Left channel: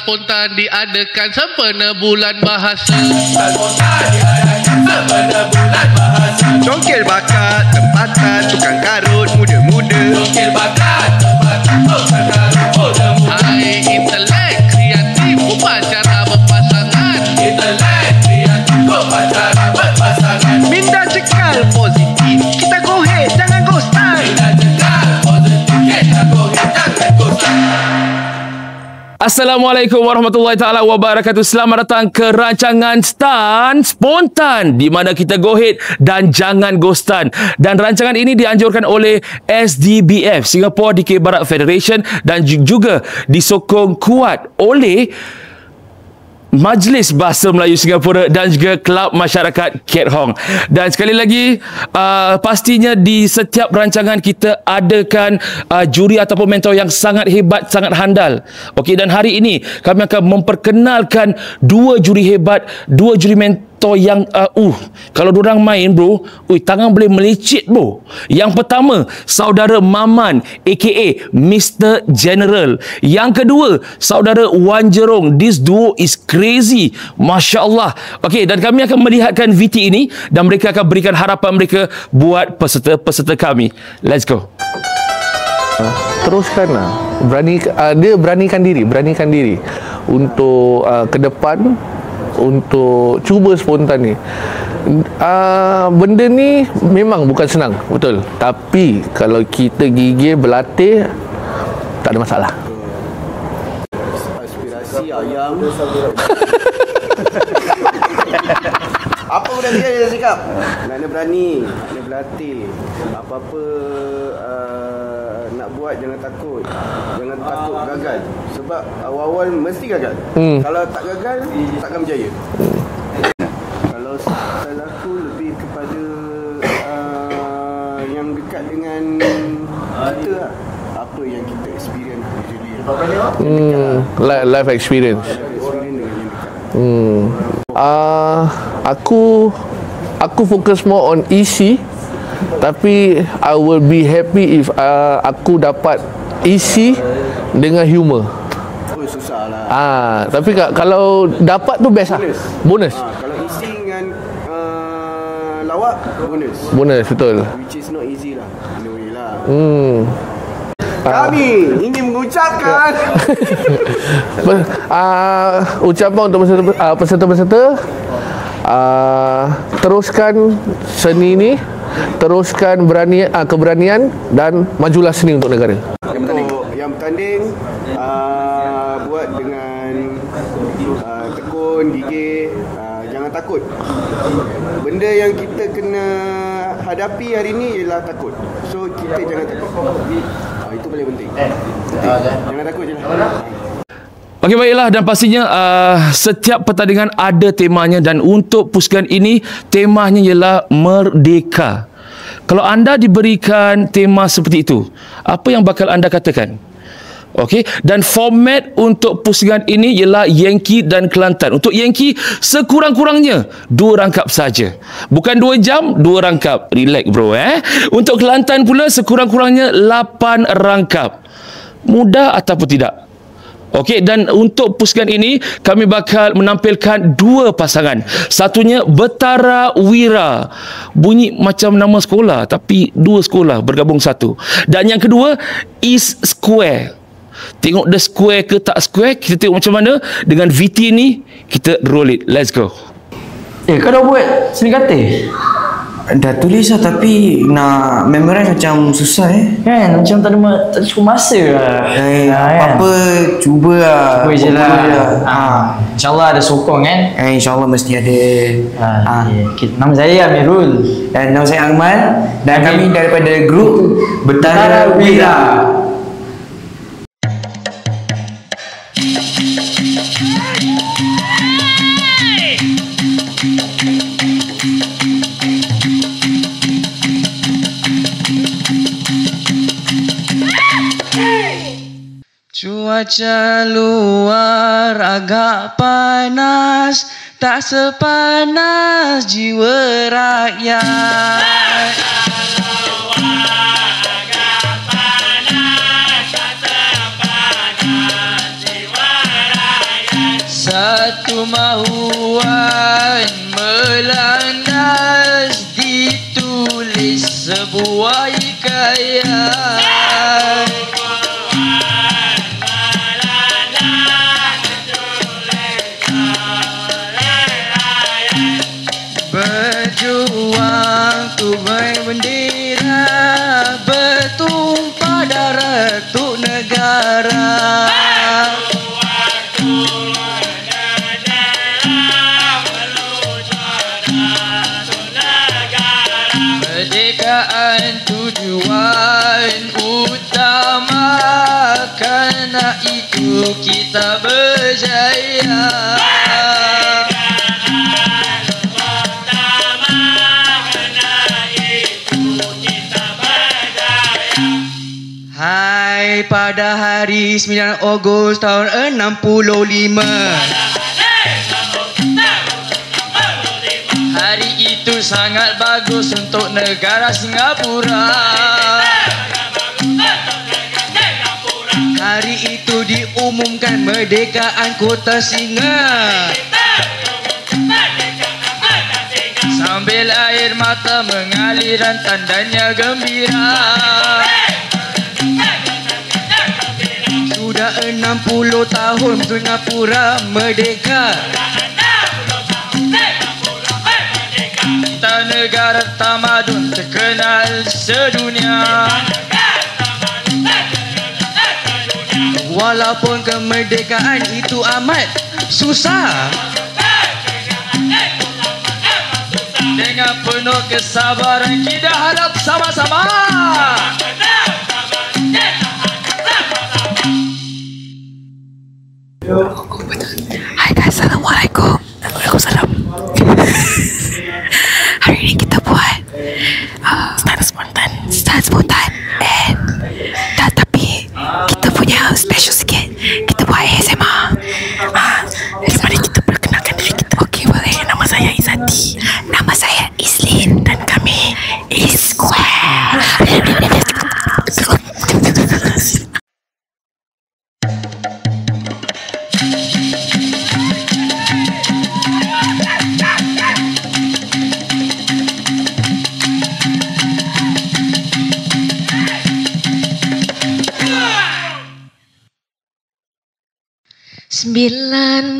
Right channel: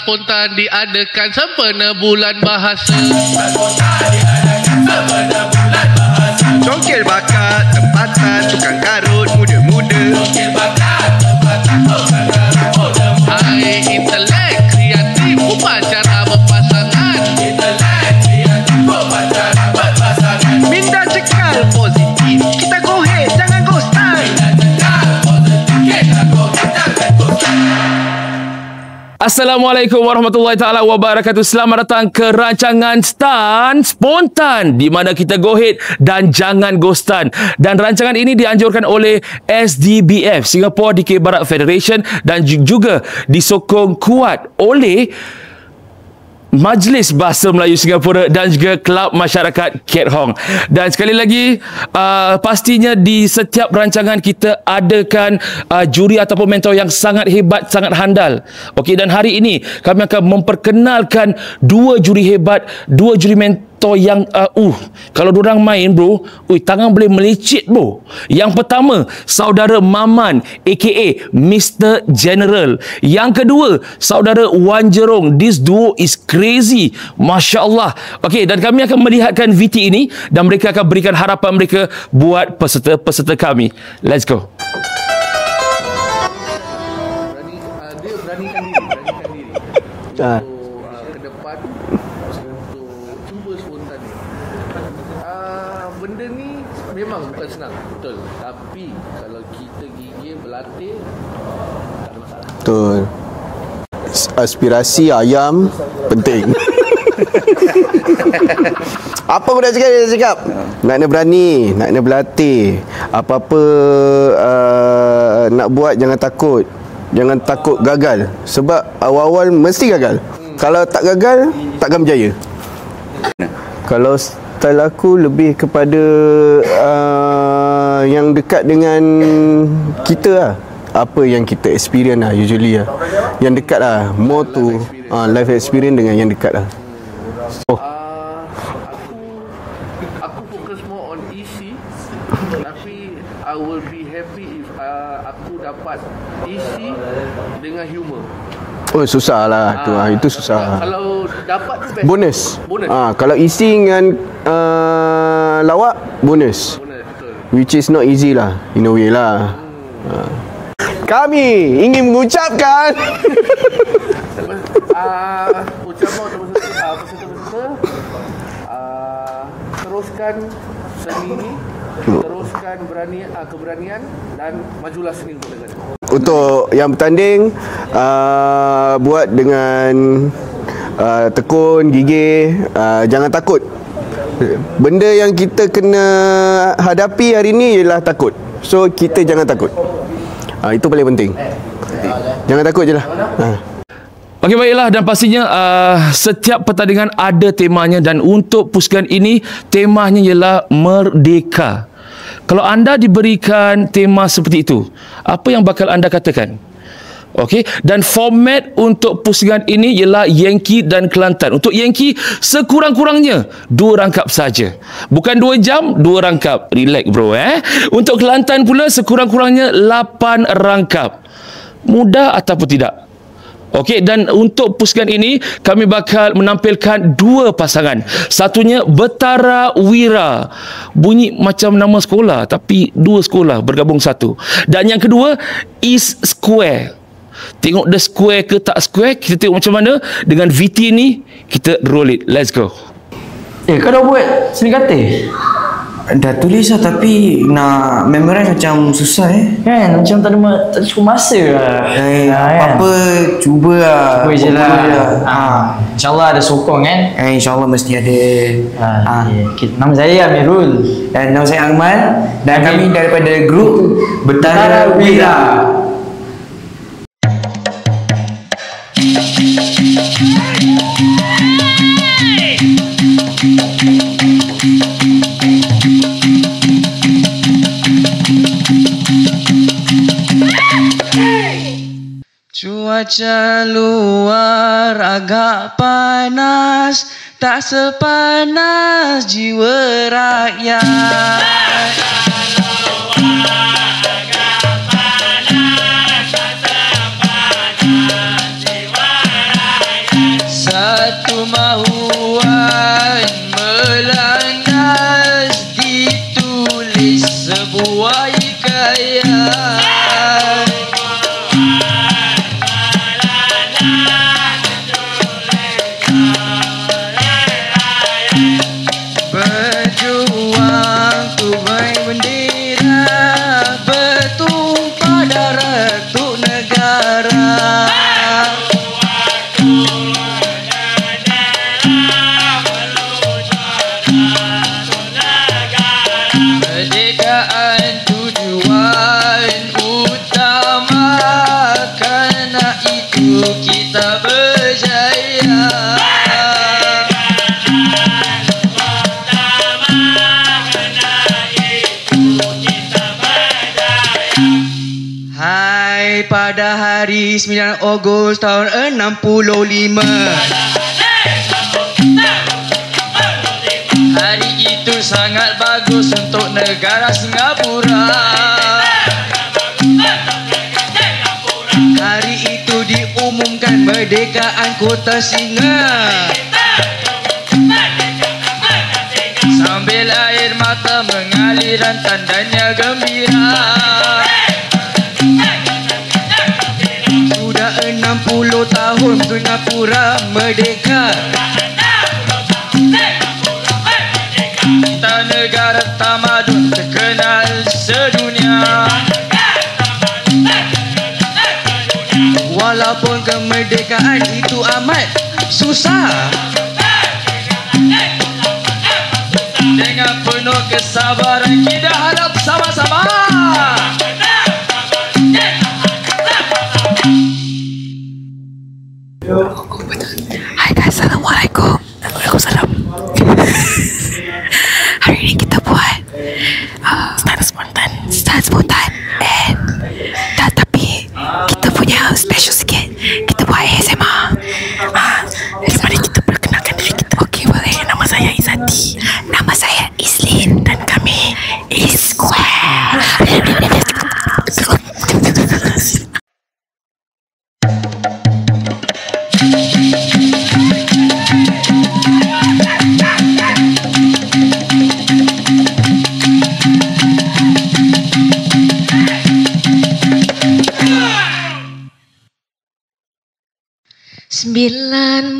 spontan diadakan sempena bulan bahasa. Congkil bakat, tempatan, tukang karut, muda-muda. Hai intelek, kreatif, upacara berpasangan. Minda cekal positif, kita go ahead, jangan go style. Assalamualaikum warahmatullahi taala wabarakatuh. Selamat datang ke rancangan Stan Spontan, di mana kita go ahead dan jangan go stun. Dan rancangan ini dianjurkan oleh SDBF, Singapore Dikir Barat Federation, dan juga disokong kuat oleh Majlis Bahasa Melayu Singapura dan juga Kelab Masyarakat Keat Hong. Dan sekali lagi, pastinya di setiap rancangan kita adakan juri ataupun mentor yang sangat hebat, sangat handal. Okey, dan hari ini kami akan memperkenalkan dua juri hebat, dua juri mentor yang kalau diorang main bro, tangan boleh melecet bro. Yang pertama, saudara Maman aka Mr. General. Yang kedua, saudara Wan Jerong. This duo is crazy, Masya Allah. Okey, dan kami akan melihatkan VT ini dan mereka akan berikan harapan mereka buat peserta-peserta kami. Let's go. Teruskanlah. Dia beranikan diri untuk ke depan, untuk cuba spontan ni. Benda ni memang bukan senang, betul. Tapi kalau kita gigih berlatih, tak ada masalah. Betul. Aspirasi ayam penting. Apa pun dia cakap, nak kena berani, nak kena berlatih. Apa-apa nak buat, jangan takut. Jangan takut gagal. Sebab awal-awal mesti gagal. Kalau tak gagal, takkan berjaya. Kalau style aku lebih kepada yang dekat dengan kita lah. Apa yang kita experience lah usually lah. Yang dekat lah. Life experience. Life experience dengan yang dekat lah. Aku fokus more on EC. Tapi I will be happy if aku dapat EC dengan humor. Oh, susah lah. Itu tapi susah. Kalau dapat tu best. Bonus. Kalau isi dengan lawak, bonus. Betul. Which is not easy lah, in a way lah. Kami ingin mengucapkan ucapan untuk peserta-peserta, teruskan seni ni, teruskan keberanian, dan majulah seni untuk negara. Untuk yang bertanding, buat dengan tekun, gigih, jangan takut. Benda yang kita kena hadapi hari ni ialah takut. So kita jangan takut. Itu paling penting. Jangan takut je lah. Okey, baiklah, dan pastinya setiap pertandingan ada temanya, dan untuk pusingan ini temanya ialah Merdeka. Kalau anda diberikan tema seperti itu, apa yang bakal anda katakan? Okey, dan format untuk pusingan ini ialah Yankee dan Kelantan. Untuk Yankee sekurang-kurangnya 2 rangkap saja. Bukan 2 jam, 2 rangkap. Relax bro Untuk Kelantan pula sekurang-kurangnya 8 rangkap. Mudah ataupun tidak? Okey, dan untuk pusingan ini kami bakal menampilkan 2 pasangan. Satunya Betara Wira. Bunyi macam nama sekolah, tapi 2 sekolah bergabung satu. Dan yang kedua, East Square. Tengok dia square ke tak square, kita tengok macam mana. Dengan VT ni kita roll it. Let's go. Kau dah buat seni kata? Dah tulis lah, tapi nak memorize macam susah Kan, macam tak cukup masa lah. Apa-apa cuba lah. Cuba je lah. InsyaAllah ada sokong kan? InsyaAllah mesti ada. Nama saya Amirul. Dan nama saya Ahmad. Dan kami daripada grup Betara Wira. Cuaca luar agak panas, tak sepanas jiwa rakyat. berjuang ku bendera bertumpah darah untuk negara. Kemerdekaan tujuan utama, karena itu kita berjaya. Hai, pada hari 9 Ogos tahun 65, hari itu sangat bagus untuk negara Singapura. Hari itu diumumkan merdekaan kota Singa. Sambil air mata mengalir dan tandanya gembira. Sudah 60 tahun Singapura merdeka. Kita negara tamadun terkenal sedunia. Walaupun kemerdekaan itu amat susah, dengan penuh kesabaran kita harap sama-sama. Hai guys, Assalamualaikum. Waalaikumsalam. Hari ini kita buat stand spontan dan tapi kita punya special sikit. Kita buat ASMR. Mari kita perkenalkan diri kita. Okey, boleh. Nama saya Izzati. Nama saya Islin dan kami is Square.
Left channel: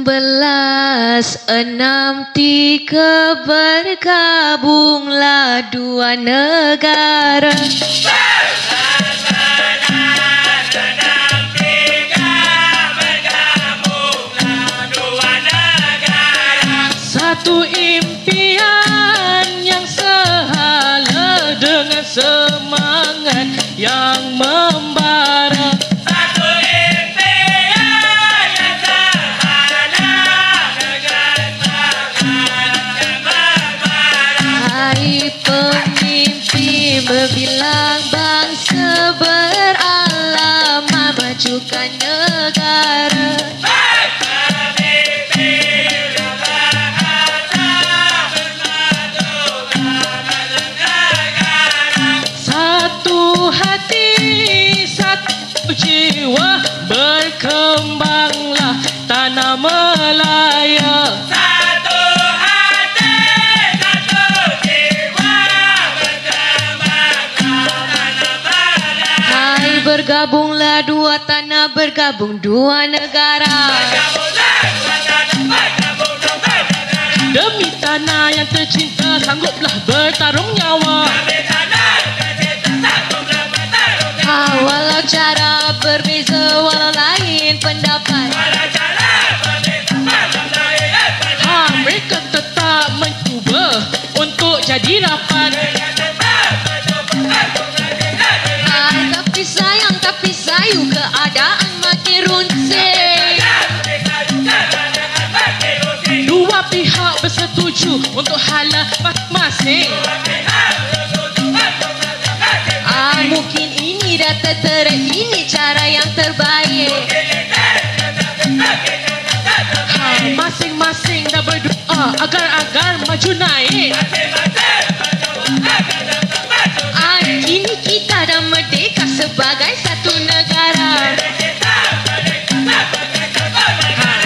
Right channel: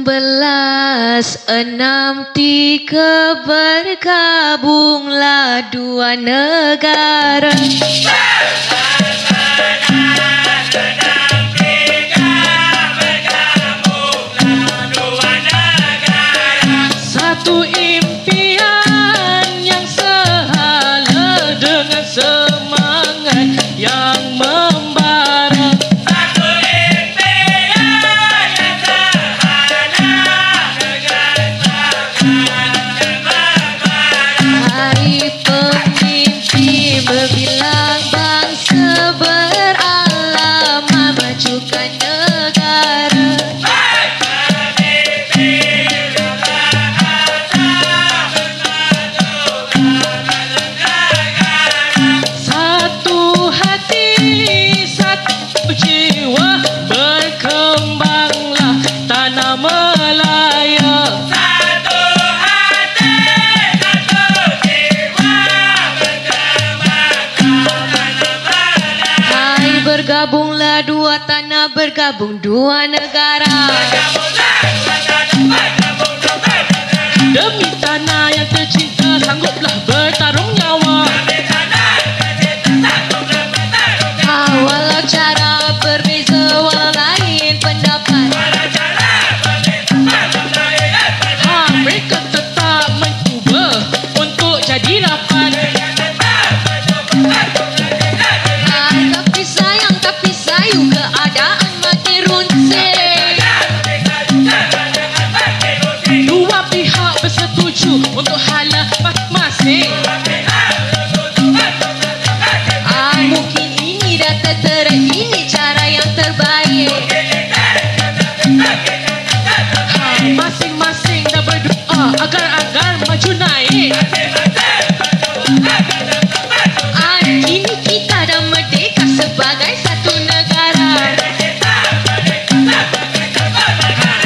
Belas 63 bergabunglah dua negara. Satu impian yang sehala dengan semangat yang membara. Berbilang bangsa beralaman majukan negara. Satu hati, satu jiwa, berkembanglah tanah Melaya. Bergabunglah dua tanah, bergabung dua negara. Demi tanah yang tercinta, sangguplah bertarung nyawa. Walau cara berbeza, walau lain pendapat, mereka tetap mencuba untuk jadi lapan. Keadaan makin runsing. Dua pihak bersetuju untuk hala masing-masing. Mungkin ini dah tertera, ini cara yang terbaik. Masing-masing dah berdoa agar maju naik. Kini kita dah merdeka sebagai satu negara.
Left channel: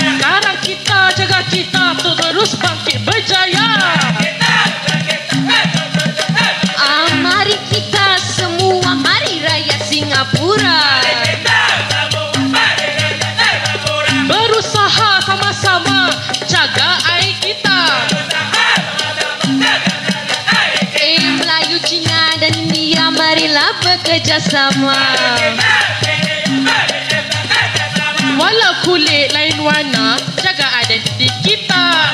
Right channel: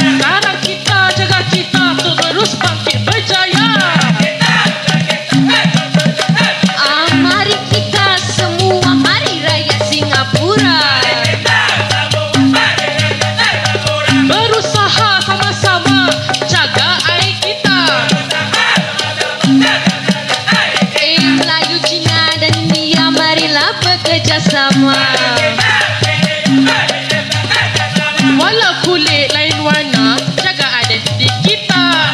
Sekarang kita jaga kita untuk terus bangkit berjaya. Mari kita semua, mari raya Singapura. Berusaha sama-sama jaga air kita. bersama. Walau kulit lain warna, jaga identiti kita.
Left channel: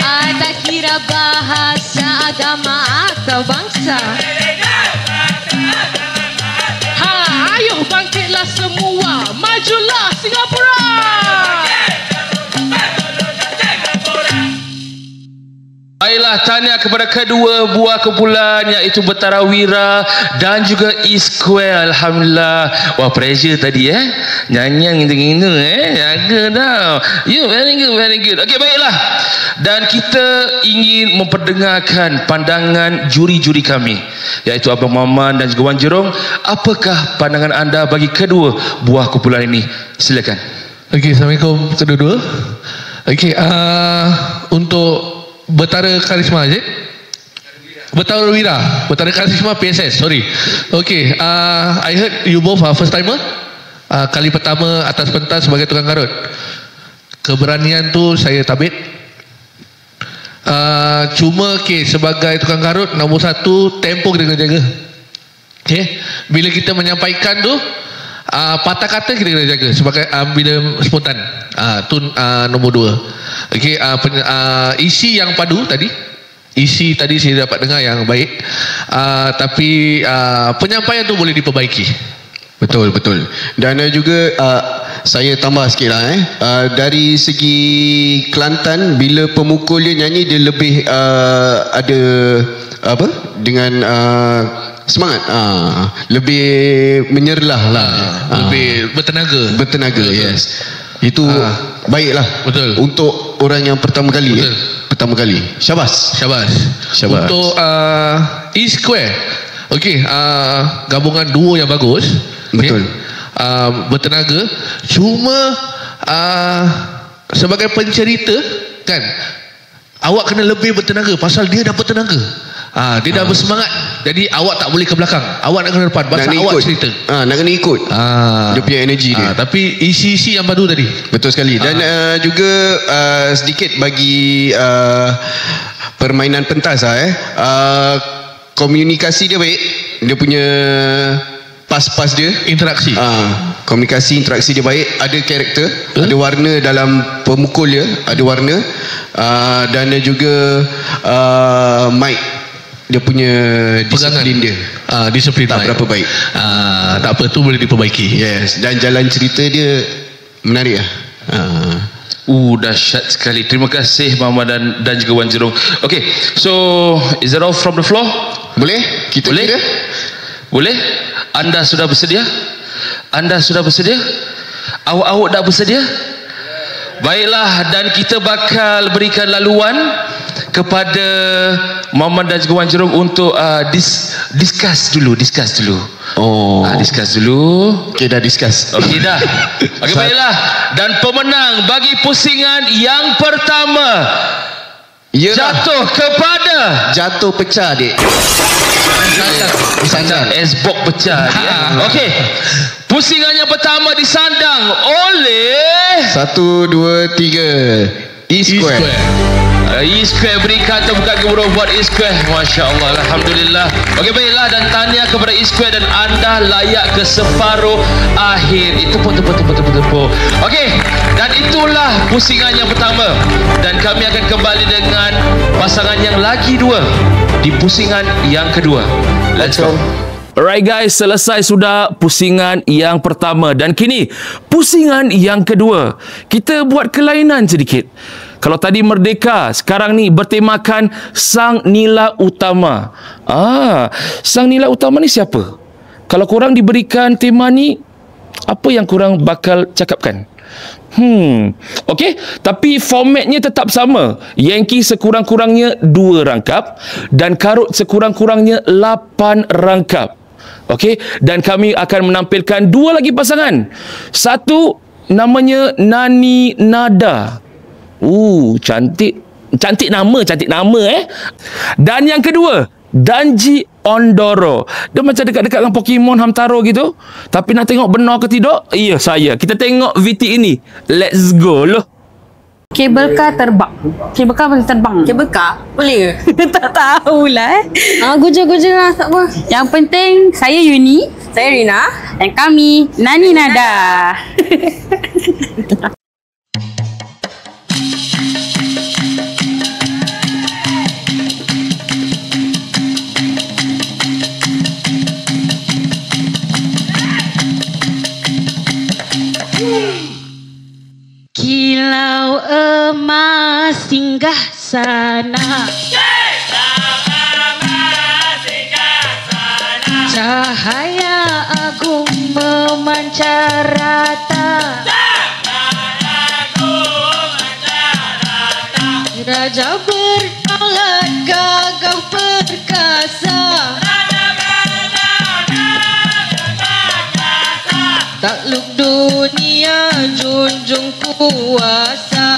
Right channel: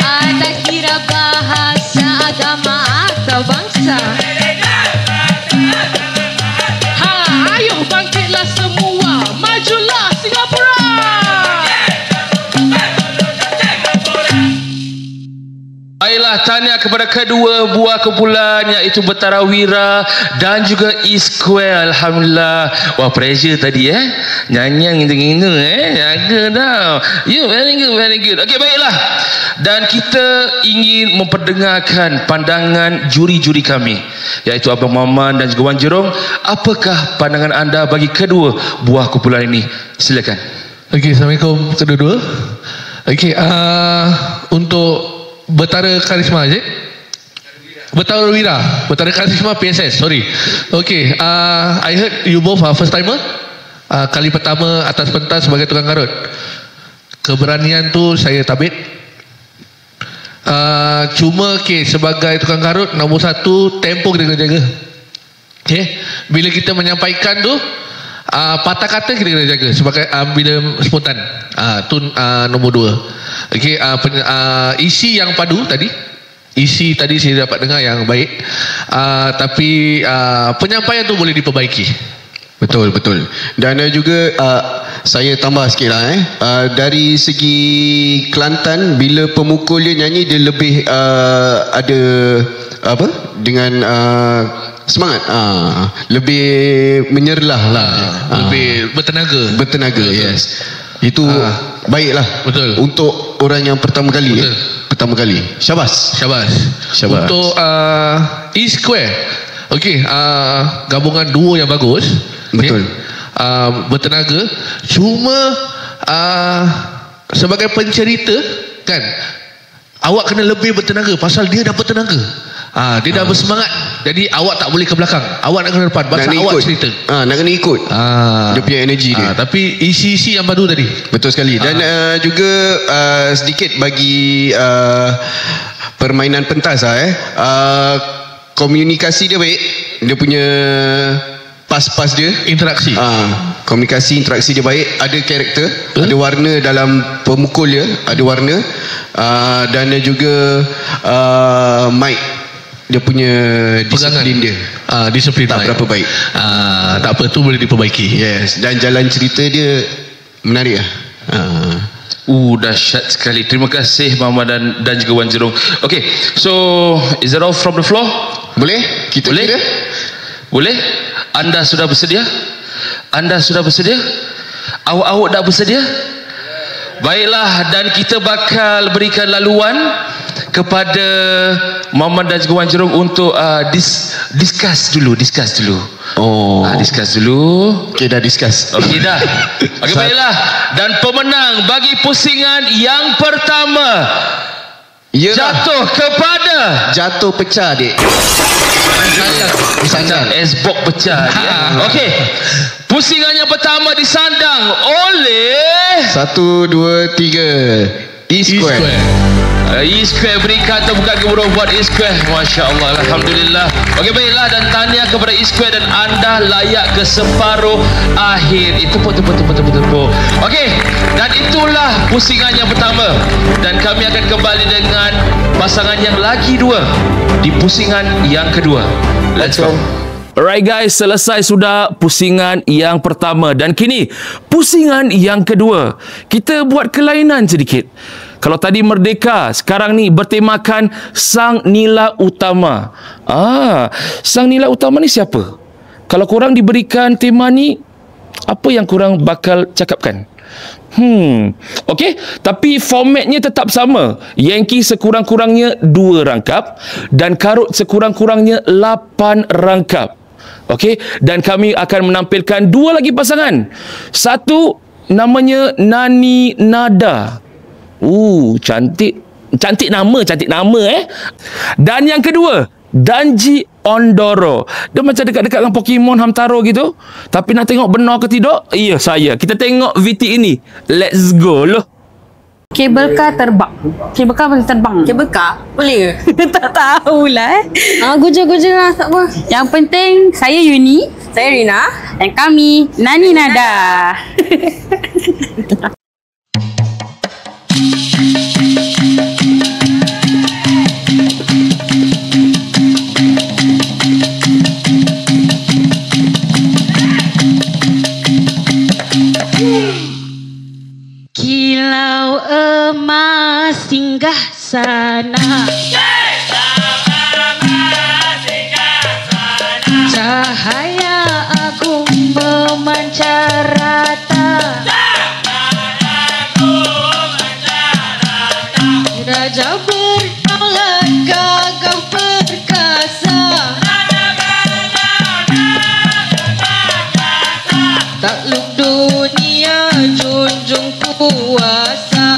Anda kira bahasa, agama atau bangsa? Ayo bangkitlah semua, majulah Singapura. Baiklah, tahniah kepada kedua buah kumpulan iaitu Betara Wira dan juga E-Square. Alhamdulillah. Wah, pressure tadi nyanyian gitu-gitu jaga tau. You very good, very good. Okey, baiklah. Dan kita ingin memperdengarkan pandangan juri-juri kami, iaitu Abang Maman dan juga Wan Jerong. Apakah pandangan anda bagi kedua buah kumpulan ini? Silakan. Okey, Assalamualaikum kedua-dua. Okey, untuk Betara Karisma je? Betara Wira. Betara Karisma PSS, sorry. Okay, I heard you both are first timer. Kali pertama atas pentas sebagai tukang karut. Keberanian tu saya tabit. Cuma okay, sebagai tukang karut, nombor satu, tempo kita kena jaga. Okay, bila kita menyampaikan tu, patah kata kita kena jaga sebagai bila spontan. Tu nombor dua. Okay, isi yang padu tadi, isi tadi saya dapat dengar yang baik, tapi penyampaian tu boleh diperbaiki. Betul, betul. Dan juga saya tambah sikit lah dari segi Kelantan, bila pemukul dia nyanyi, dia lebih ada apa dengan semangat, lebih menyerlah lah, lebih bertenaga, yes. Itu baiklah, betul, untuk orang yang pertama kali. Pertama kali. Syabas. Untuk E-Square, okey, gabungan duo yang bagus. Betul. Bertenaga. Cuma sebagai pencerita kan, awak kena lebih bertenaga pasal dia dah bertenaga. Dia dah bersemangat. Jadi awak tak boleh ke belakang, awak nak kena depan pasal awak cerita. Nak kena ikut dia punya energi dia. Tapi isi-isi yang padu tadi. Betul sekali. Dan juga sedikit bagi permainan pentas komunikasi dia baik. Dia punya pas-pas dia, interaksi. Komunikasi, interaksi dia baik. Ada karakter, ada warna dalam pemukul dia, ada warna. Dan juga mic, dia punya disiplin dia, disiplin tak berapa baik. Tak apa, tu boleh diperbaiki. Yes. Dan jalan cerita dia menarik lah. Dahsyat sekali. Terima kasih Mama dan juga Wan Jerong. Okay, so is that all from the floor? Boleh? Kita boleh? Boleh? Anda sudah bersedia? Awak dah bersedia? Baiklah, dan kita bakal berikan laluan kepada Maman dan juga Wan Jerong untuk discuss dulu. Discuss dulu. Okay, dah discuss. Okay, dah. Okay, baiklah. Dan pemenang bagi pusingan yang pertama jatuh pecah dik. Esbok pecah dia. Okey. Pusingan yang pertama disandang oleh 1, 2, 3 E-Square. E-Square, berikan tepukan gemuruh buat E-Square. Masya Allah, Alhamdulillah. Okey, baiklah, dan tahniah kepada E-Square, dan anda layak ke separuh akhir. Itu betul. Okey, dan itulah pusingan yang pertama. Dan kami akan kembali dengan pasangan yang lagi dua di pusingan yang kedua. Let's go. Alright guys, selesai sudah pusingan yang pertama, dan kini pusingan yang kedua. Kita buat kelainan sedikit. Kalau tadi Merdeka, sekarang ni bertemakan Sang Nila Utama. Sang Nila Utama ni siapa? Kalau korang diberikan tema ni, apa yang korang bakal cakapkan? Okey, tapi formatnya tetap sama. Yankee sekurang-kurangnya 2 rangkap dan karut sekurang-kurangnya 8 rangkap. Okey, dan kami akan menampilkan 2 lagi pasangan. Satu namanya Nani Nada. Cantik nama Dan yang kedua, Danji Ondoro. Dia macam dekat-dekat dengan Pokemon Hamtaro gitu. Tapi nak tengok benar ke tidak? Ya, saya. Kita tengok VT ini. Let's go loh. Kabel kar terbang. Kabel kar boleh terbang. Kabel kar? Boleh ke? Tak tahulah. Goja-goja lah, tak apa. Yang penting, saya Yuni. Saya Rina. Dan kami, Nani Nada. Kilau emas singgah sana, cahaya agung memancar rata, raja bertalat gagah perkasa, takluk dunia junjung kuasa,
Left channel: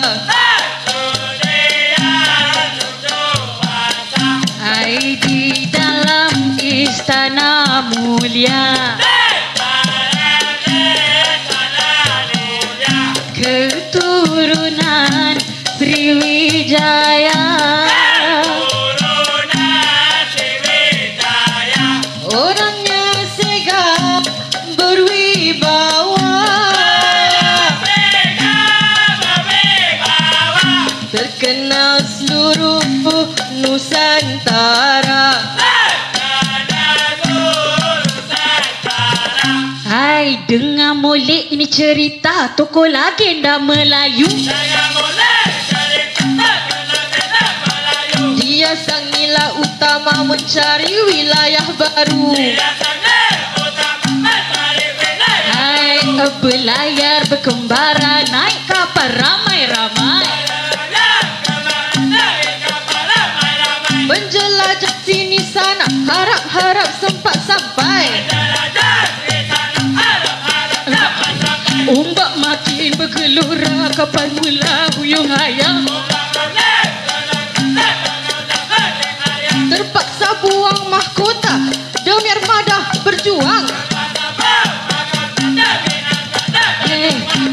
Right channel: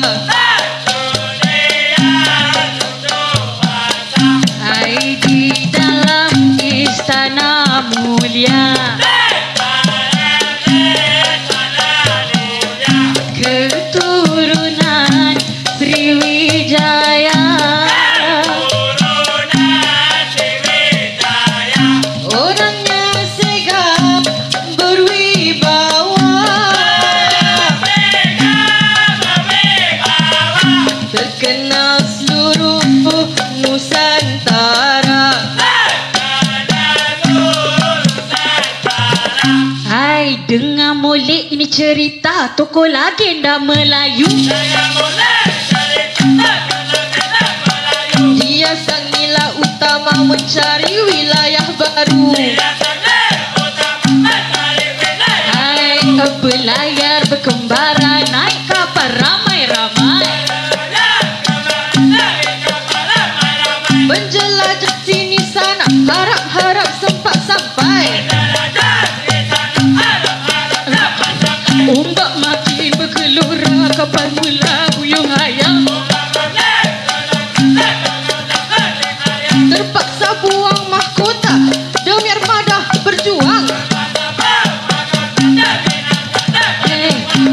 hai di dalam istana mulia, keturunan Sriwijaya, orangnya segap berwibawa, terkenal seluruh Nusantara. Hai, dengar molek ini cerita tokoh legenda Melayu. Dia sang nila utama mencari wilayah baru. Hai, belayar berkembara naik kapal ramai-ramai, menjelajah sini sana, harap-harap sempat sampai. Ombak makin bergelora, kapal mula buyung hayang, terpaksa buang mahkota demi armada berjuang.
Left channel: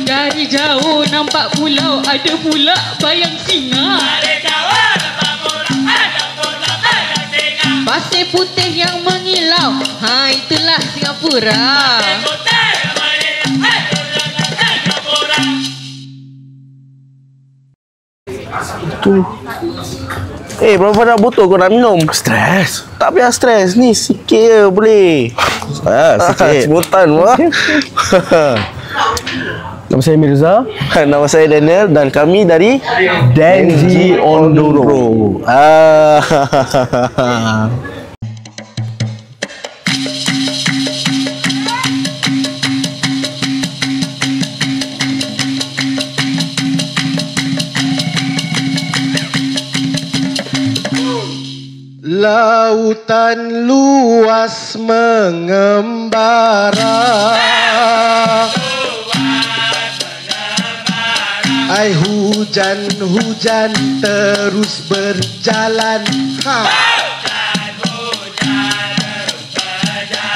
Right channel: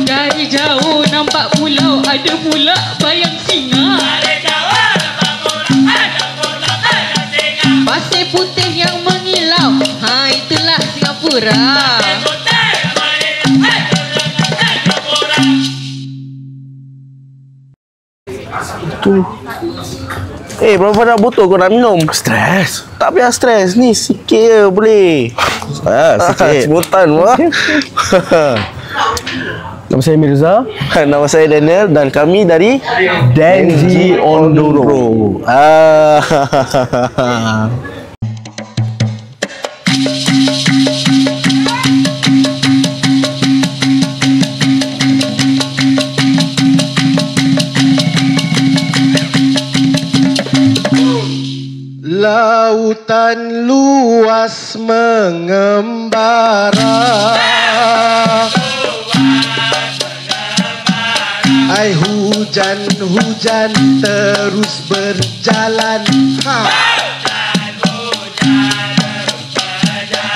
Dari jauh nampak pulau, ada pula bayang singa, pasir putih yang mengilau, itulah Singapura. Berapa dah botol kau nak minum? Stres. Tak payah stres. Ni sikit je boleh. Sikit. Sebutan wah. Nama saya Mirza. Nama saya Daniel dan kami dari Denji Ondoro. Lautan luas mengembara, ai hujan-hujan terus berjalan,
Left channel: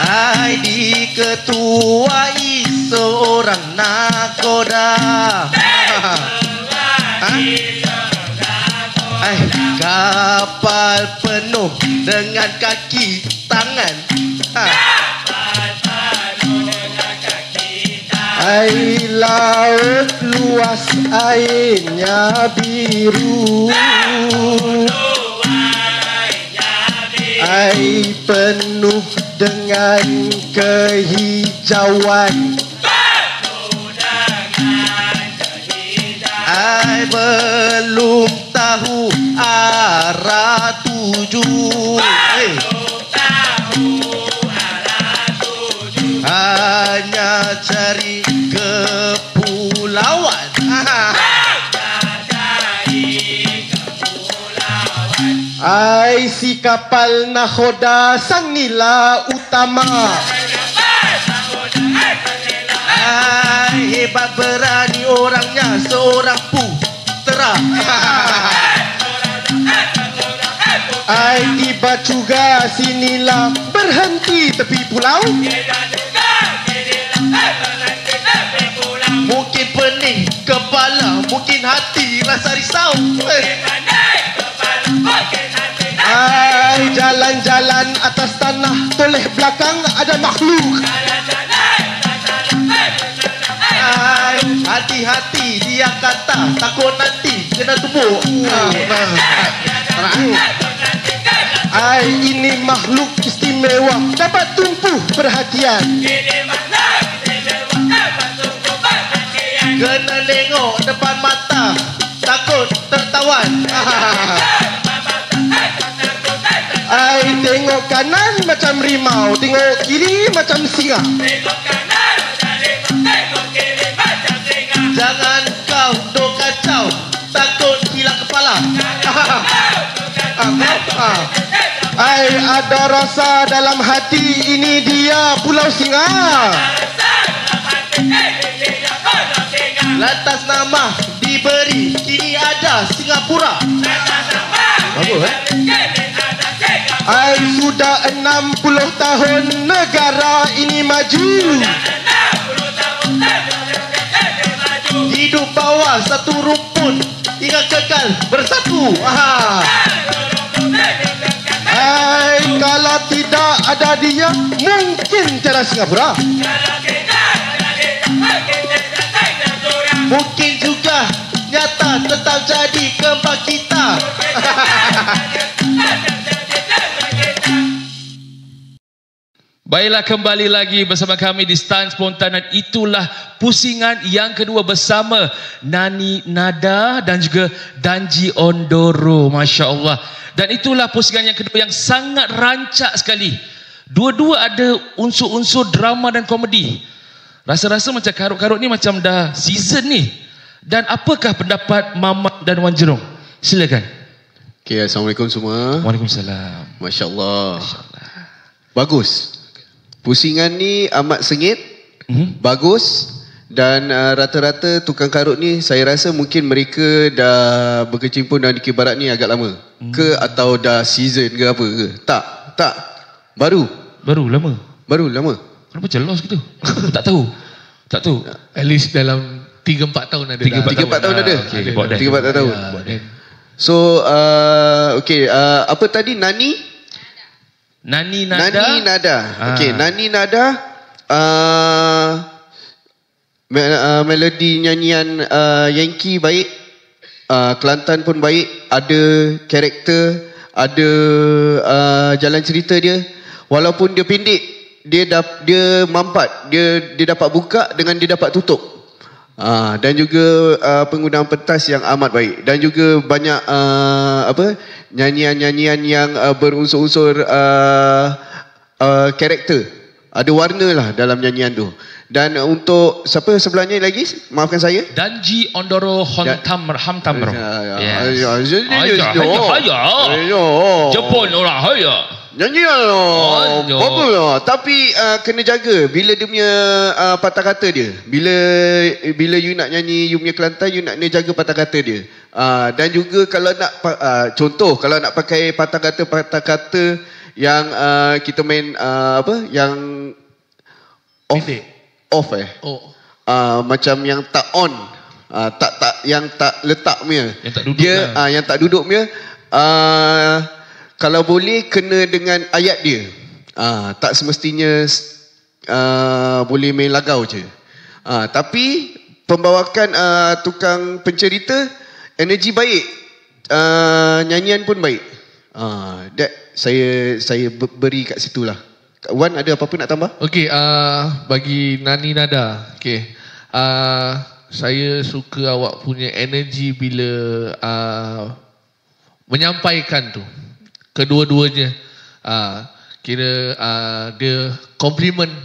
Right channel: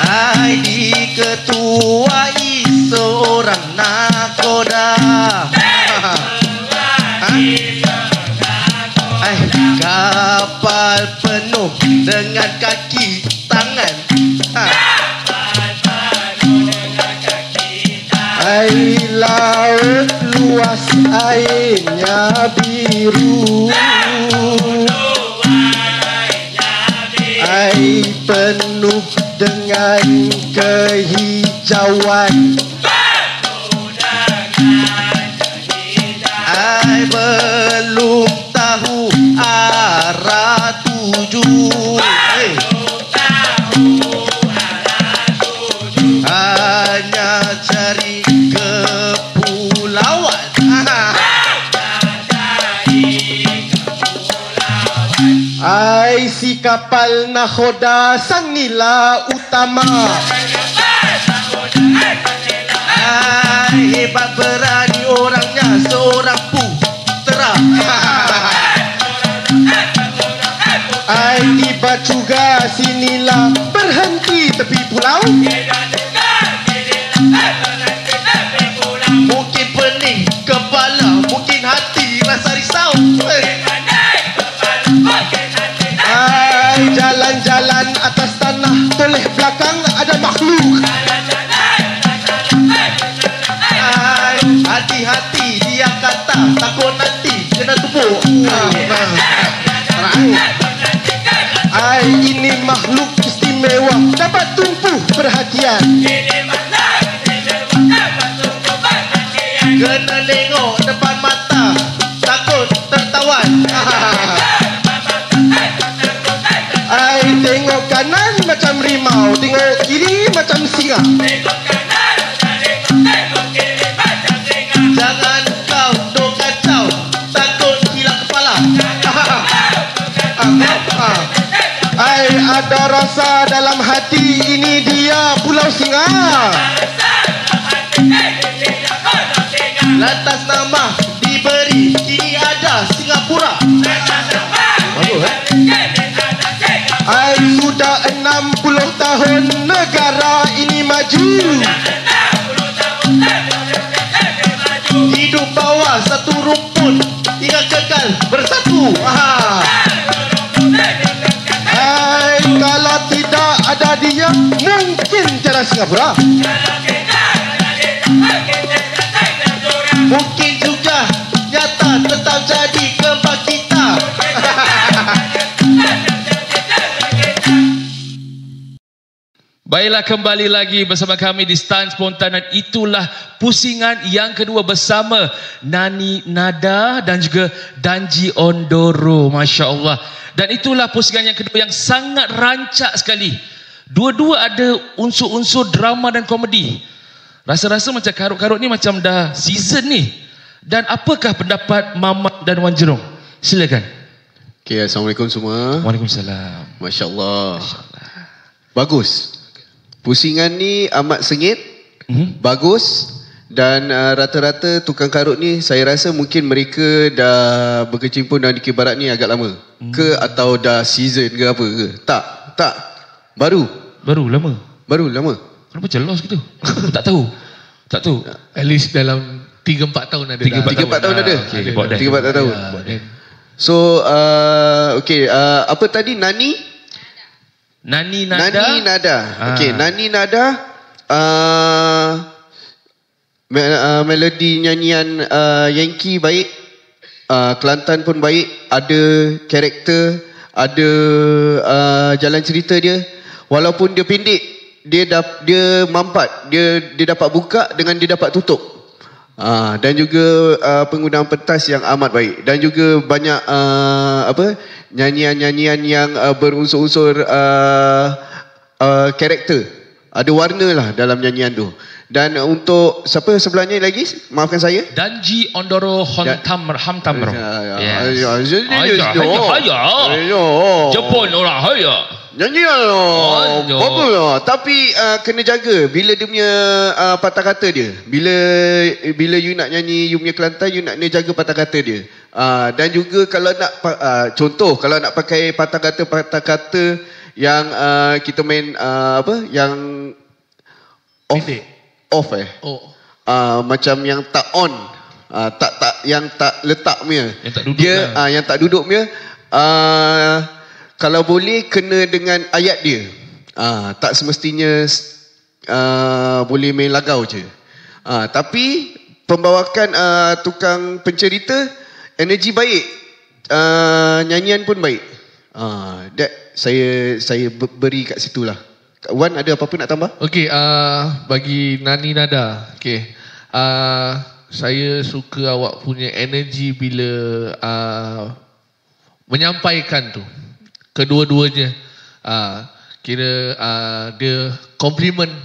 ai diketuai seorang nakoda, kapal penuh dengan kaki tangan, air laut luas airnya biru, air penuh dengan kehijauan, air belum tahu arah tuju, hanya cari kepulauan, ai si kapal nakoda sang nila utama, ai hebat berani orangnya seorang putera, ai tiba juga sinilah berhenti tepi pulau, mungkin pening kepala, mungkin hati rasa risau. Ay, jalan-jalan atas tanah, toleh belakang ada makhluk. Ay, hati-hati dia kata, takut nanti kena tumbuk. Ay, ini makhluk istimewa, dapat tumpu perhatian. Kena tengok depan mata, takut tertawan. Ay, tengok kanan macam rimau, tengok kiri macam singa. Jangan kau dok kacau, takut hilang kepala. Ay, ada rasa dalam hati, ini dia Pulau Singa. Lantas nama diberi, kini ada Singapura. Bagus Ay, sudah 60 tahun negara ini maju. Hidup bawah satu rumpun hingga kekal bersatu. Ay, kalau tidak ada dia, mungkin cara Singapura. Mungkin juga nyata tetap jadi keempat kita. Baiklah, kembali lagi bersama kami di Stand Spontan, dan itulah pusingan yang kedua bersama Nani Nada dan juga Danji Ondoro. Masya Allah. Dan itulah pusingan yang kedua yang sangat rancak sekali. Dua-dua ada unsur-unsur drama dan komedi. Rasa-rasa macam karut-karut ni macam dah season ni. Dan apakah pendapat Mamat dan Wan Jerong? Silakan. Okay, Assalamualaikum semua. Waalaikumsalam. Masya Allah. Bagus. Pusingan ni amat sengit, bagus, dan rata-rata tukang karut ni saya rasa mungkin mereka dah berkecimpung dalam Dikir Barat ni agak lama. Ke atau dah season ke apa ke? Tak. Baru lama. Kenapa jelas gitu? Tak tahu. At least dalam 3-4 tahun ada. 3-4 tahun ada. 3-4 tahun. So, apa tadi? Nani Nada. Okey, Nani Nada, melodi nyanyian Yankee baik, Kelantan pun baik, ada karakter, ada jalan cerita dia. Walaupun dia pendek, dia mampat, dia dapat buka dengan dia dapat tutup. Dan juga penggunaan pentas yang amat baik, dan juga banyak nyanyian-nyanyian yang berunsur-unsur karakter. Ada warna lah dalam nyanyian tu. Dan untuk siapa sebelahnya lagi? Maafkan saya. Danji Ondoro Hamtamro. Jepun orang haya. Nyanyian bagus lah. Tapi kena jaga bila dia punya patah kata dia. Bila you nak nyanyi you punya Kelantan, you nak jaga patah kata dia. Dan juga kalau nak contoh, kalau nak pakai patah kata yang kita main yang off macam yang tak on, yang tak letak punya, yang tak duduk punya, kalau boleh kena dengan ayat dia. Tak semestinya boleh main lagau je. Tapi pembawakan tukang pencerita, energi baik, nyanyian pun baik. That saya beri kat situlah. Wan, ada apa-apa nak tambah? Okey, bagi Nani Nada, okey. Saya suka awak punya energi bila menyampaikan tu. Kedua-duanya. Kira dia compliment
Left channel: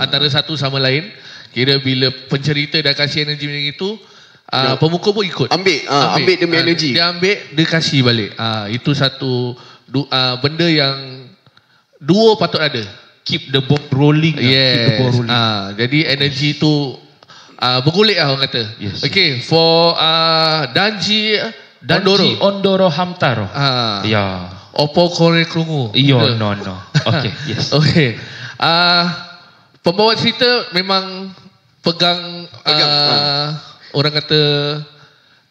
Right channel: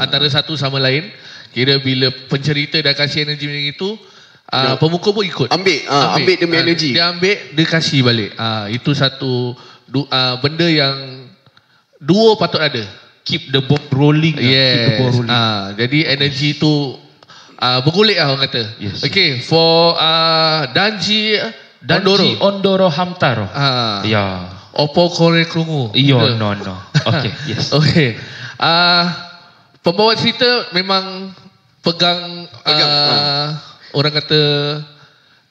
antara satu sama lain. Kira bila pencerita dah kasih energi macam itu, pemuka pun ikut. Ambil dia punya energi. Dia ambil, dia kasih balik. Itu satu benda yang duo patut ada. Keep the ball rolling. Yes. Jadi energi tu bergulik lah orang kata. Yes. Okay, for Danji Ondoro Hamtaro. Ya. Opo kore krungu. Iya, no. Okay, yes. Okay. Pembawa cerita memang pegang orang kata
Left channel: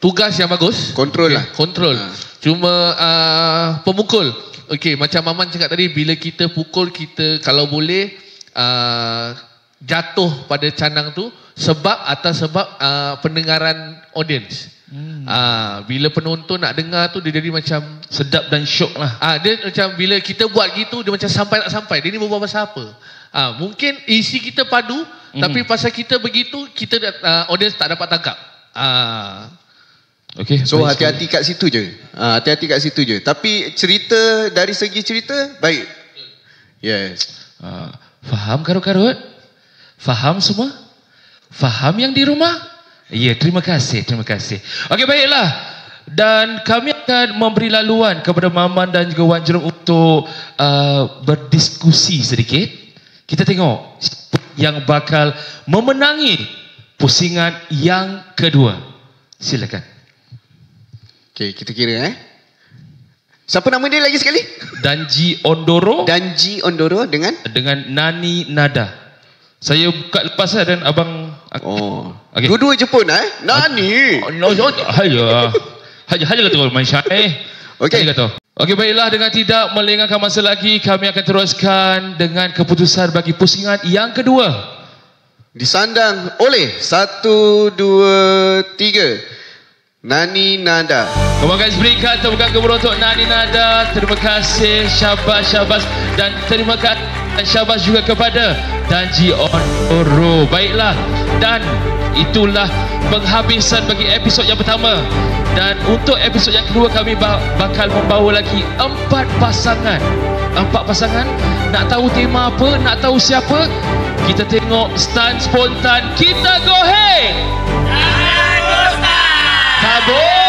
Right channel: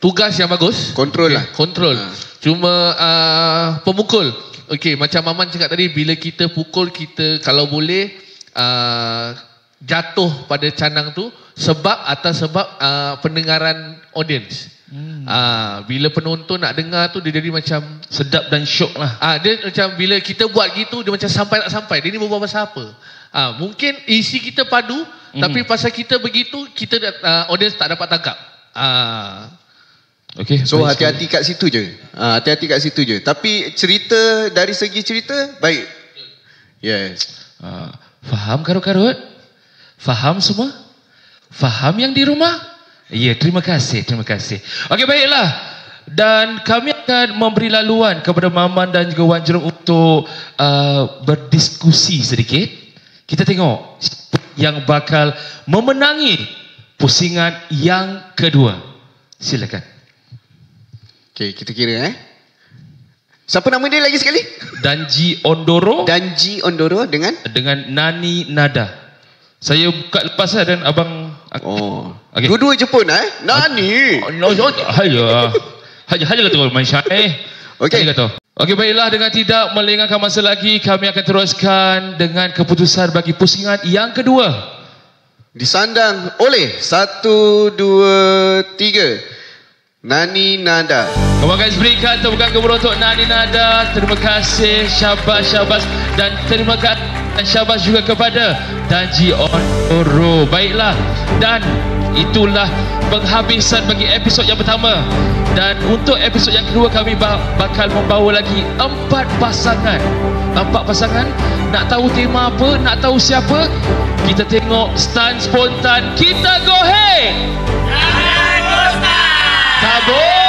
tugas yang bagus. Kontrol lah. Kontrol. Cuma pemukul. Okey, macam Maman cakap tadi, bila kita pukul, kita kalau boleh jatuh pada canang tu atas sebab pendengaran audience. Bila penonton nak dengar tu, dia jadi macam sedap dan syok lah. Dia macam bila kita buat gitu, dia macam sampai tak sampai. Dia ni berbual pasal apa? Mungkin isi kita padu, tapi pasal kita begitu, kita audience tak dapat tangkap. Okay, so hati-hati kat situ je. Hati-hati kat situ je. Tapi cerita, dari segi cerita, baik. Yes. Faham karut-karut? Faham semua? Faham yang di rumah? Ya, terima kasih, terima kasih. Okey, baiklah. Dan kami akan memberi laluan kepada Maman dan juga Wan Jerome untuk berdiskusi sedikit. Kita tengok yang bakal memenangi pusingan yang kedua. Silakan. Okey, kita kira siapa nama dia lagi sekali? Danji Ondoro. Danji Ondoro dengan Nani Nada. Saya buka lepas dan abang. Okay. Dua-dua Jepun Nani. Haja kata main syai. Okey. Okey, baiklah, dengan tidak melengahkan masa lagi, kami akan teruskan dengan keputusan bagi pusingan yang kedua. Disandang oleh 1, 2, 3 Nani Nada. Come on guys, berikan tepukan gemuruh untuk Nani Nada. Terima kasih, syabas. Dan terima kasih dan syabas juga kepada Danji Ondoro. Baiklah, dan itulah penghabisan bagi episod yang pertama. Dan untuk episod yang kedua, kami bakal membawa lagi 4 pasangan. 4 pasangan. Nak tahu tema apa? Nak tahu siapa? Kita tengok stand spontan. Kita go ahead. Kabur.